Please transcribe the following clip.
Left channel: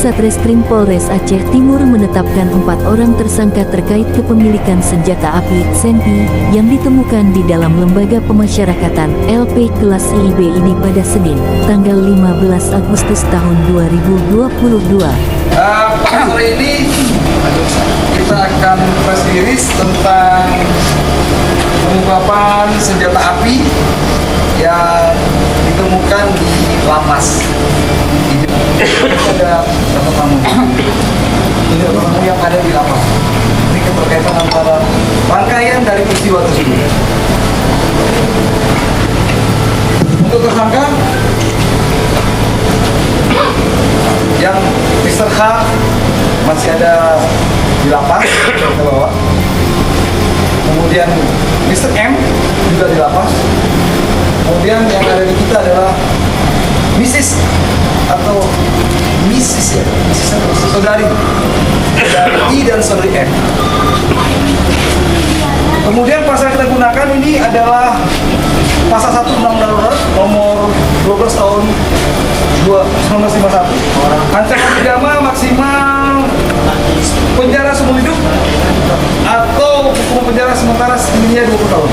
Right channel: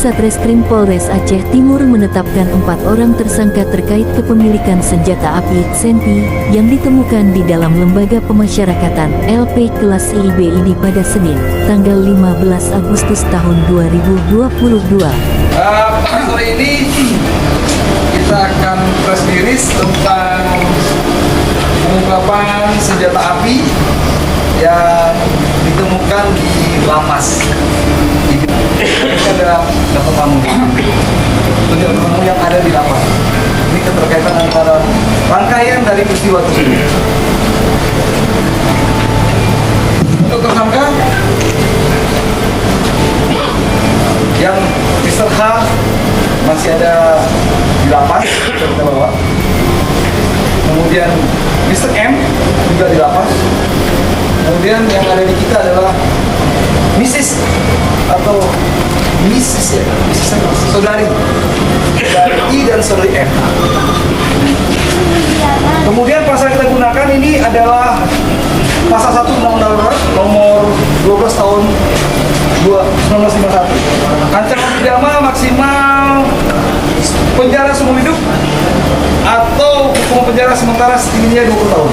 Satreskrim Polres Aceh Timur menetapkan 4 orang tersangka terkait kepemilikan senjata api Senpi yang ditemukan di dalam lembaga pemasyarakatan LP kelas IIB ini pada Senin, tanggal 15 Agustus tahun 2022. Pada sore ini kita akan press release tentang pengungkapan senjata api yang ditemukan di lapas. Ini ada berapa tamu? Ini berapa tamu yang ada di lapas. Ini keterkaitan antara rangkaian dari peristiwa tersebut. Untuk tersangka yang Mr. H masih ada di lapas, kita bawa. Kemudian Mr. M juga di lapas. Kemudian yang ada di kita adalah Mrs. atau Mrs. ya, Mrs. atau saudari I dan saudari M. Kemudian pasal yang kita gunakan ini adalah pasal 1 Undang-Undang Darurat nomor 12 tahun 1951. Ancaman pidana maksimal penjara seumur hidup atau hukuman penjara sementara setingginya 20 tahun.